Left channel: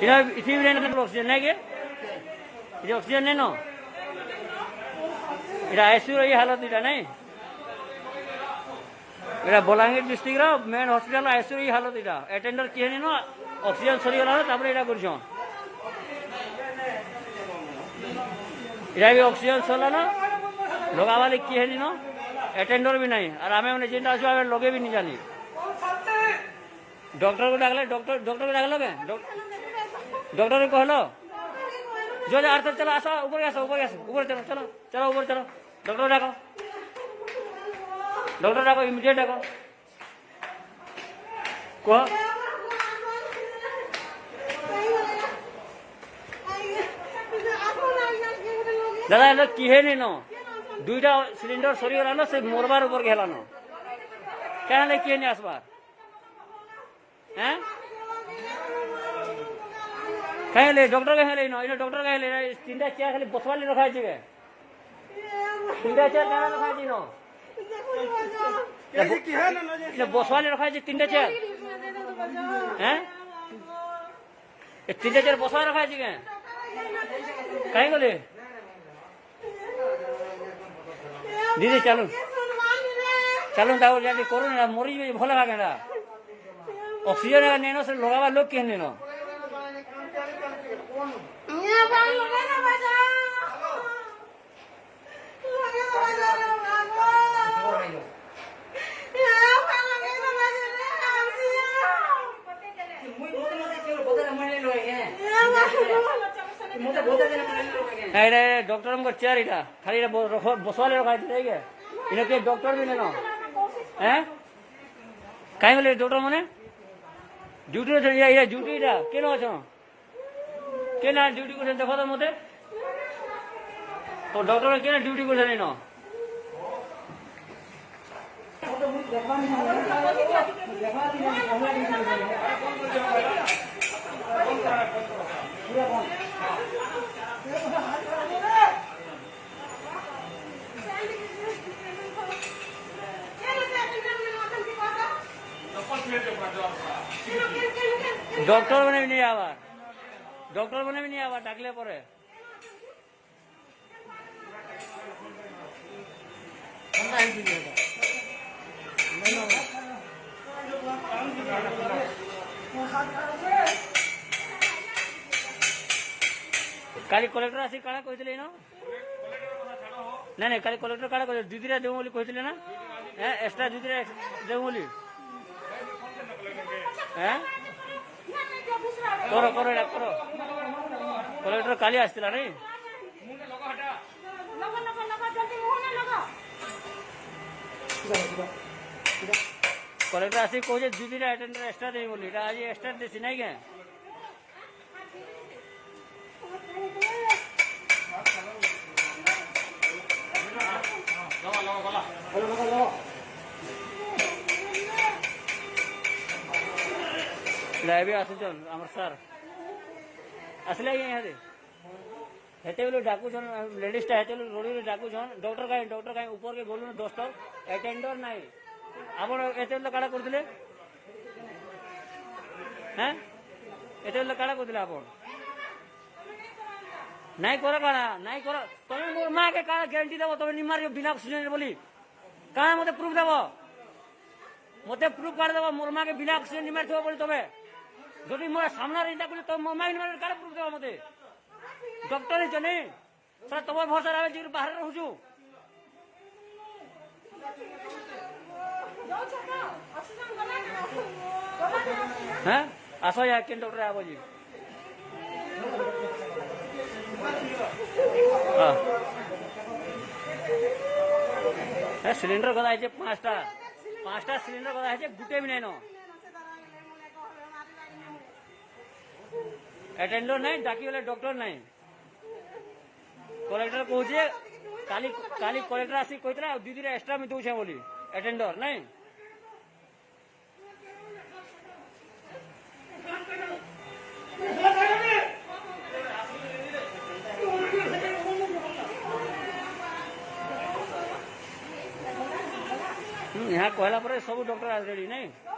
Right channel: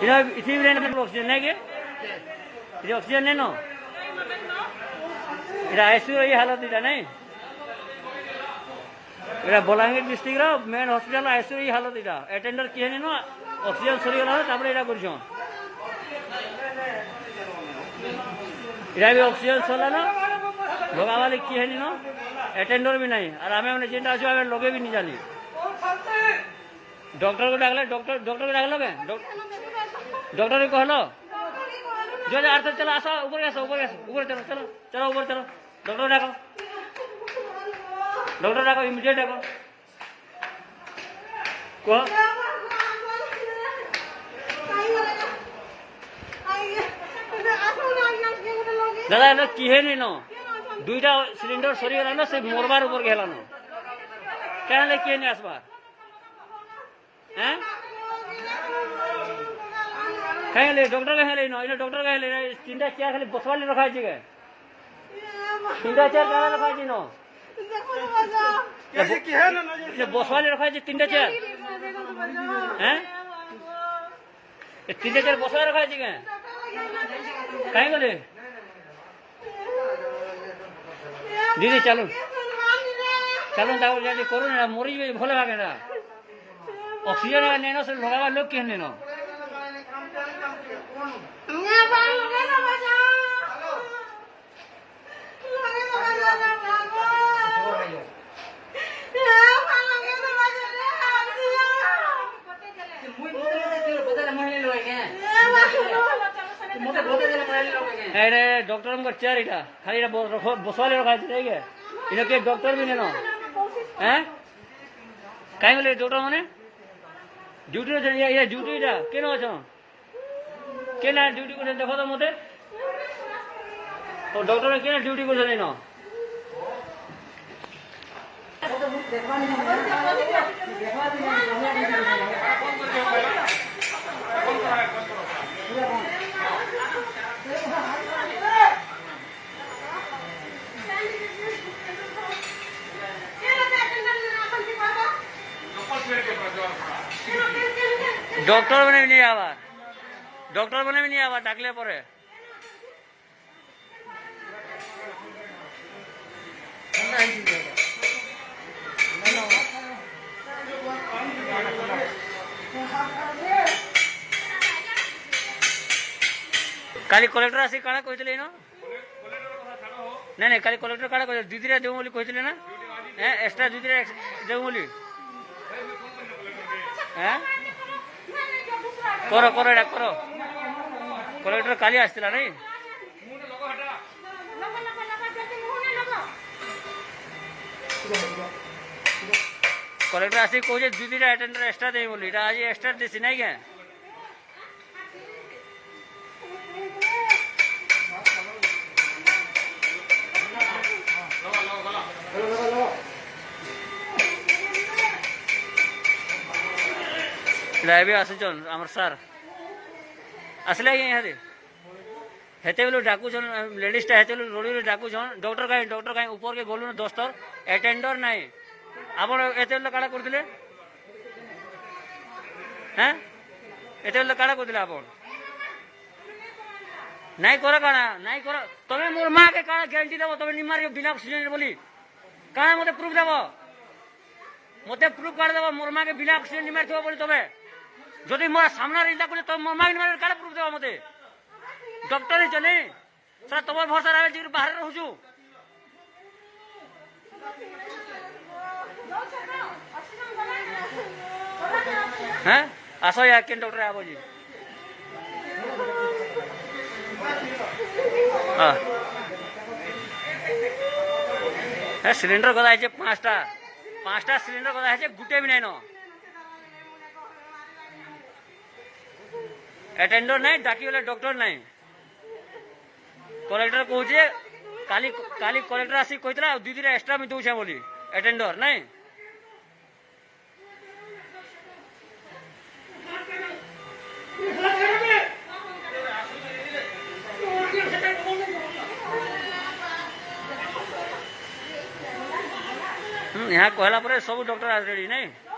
इधर इसी भी ऑक्सीजन नहीं के इधर ऑक्सीजन नहीं नो इधर आईसीयू ये हालत इधर नहीं इधर बलांगीर डिस्ट्रिक्ट रो मेन हॉस्पिटल आईसीयू ये हालत इधर अटेंडर किए नहीं नो ऑक्सीजन सरी गला तापर इधर करछन इधर भी ऑक्सीजन सरला ना लोगा वाले किए नहीं नो अटेंडर भी नहीं और आमे मैंने जिंदा आछो आमे लोगे भी नहीं जानी डॉक्टर को डाकले डॉक्टर को डाकलो के डॉक्टर को कहलो जो अर्थ चलो आसो ऊपर चलो चलो चलो ऊपर चलो डॉक्टर डाको इमीडिएट डाको कह दादा ये किहे नहीं नो दुईटा सिलिंडर सरी गला नो से मोरबार ऊपर गेला नो क्या ले किहे नहीं आसबार हैं कहीं ले डॉक्टर कहीं ले नो इने डॉक्टर कहीं ले तीनटा चेयर खाली बसवाली रखा है जगह तीनटा चेयर क्या रखा है नो ये बसवाली रखा है तीनटा चेयर हैं ये तीनटा चेयर बसवाली रखा है जगह कहीं को ले दीदी चलो चलो दाओ जल्दी करो ना मरी भले भागे ना ऑक्सीजन लेनो से लगावा लोग क्यों लेनो अरे डॉक्टर हमको चेयर इटा खाली बसवाले रखा है इन्हें के डॉक्टर भी नहीं नो हैं कहीं बोले डॉक्टर माने ड्यूटी ये ड्यूटी इटा के नो छो के ना ड्यूटी को देखो तो मते तो डॉक्टर के ना ड्यूटी को नहीं नो डॉक्टर बने भी नहीं आवा डाकले परे काली कलेक्टर आसी काଣା କହିଥିଲେ नो नहीं काली कलेक्टर काଣା କହିଥିଲେ दीदी देऊ बोली କହିଥିଲେ ना एक्स्ट्रा दीदी देऊ बोली हैं करो करो एडा करो कलेक्टर काली आसला नहीं कलेक्टर आसी कहे दीदी अटेंडर एक्स्ट्रा दे बोली आज एक्स्ट्रा देसी नहीं क्या भी आसुन आमर सार आसले यहाँ हेते बोलो डाकुन लेडीजटा हेते रोडी डाकुन डॉक्टर कहीं ऊपर के बोलू दोस्तर अटेंडर ना आप काड़ा करते हैं एत काड़ा करते आप नहीं कर काड़ा नहीं कर तुम मोर माँ के काड़ा ग्यारंटी देव तुम निमार बिना ऑक्सीजन बोली काड़ा मत प्रूफ देव मत प्रूफ काड़ देव मोर माँ के बिना ऑक्सीजन निमार थो बोली तुम्हें যদি মোর সামনে ইটা করে তো মোর মাগি মানে কালে প্রুফ দেবা মতে ডক্টর হি চলে স্যার তোমার ভরসা রাখে যে বাহির রহুছু হ্যাঁ আসো ইয়া কেন ডক্টর আবো জি হ্যাঁ সিলিন্ডার গদা আছে পাঁচটা সিলিন্ডার গদা আছে গুটে বি নাই ন अटेंडर नहीं डाकी वाले डॉक्टर नहीं कलेक्टर कहे काली काली कलेक्टर आसी कहते दीदी एक्स्ट्रा में दूसरे बोली अटेंडर नहीं यहाँ कहला सब डॉक्टर रेडी नहीं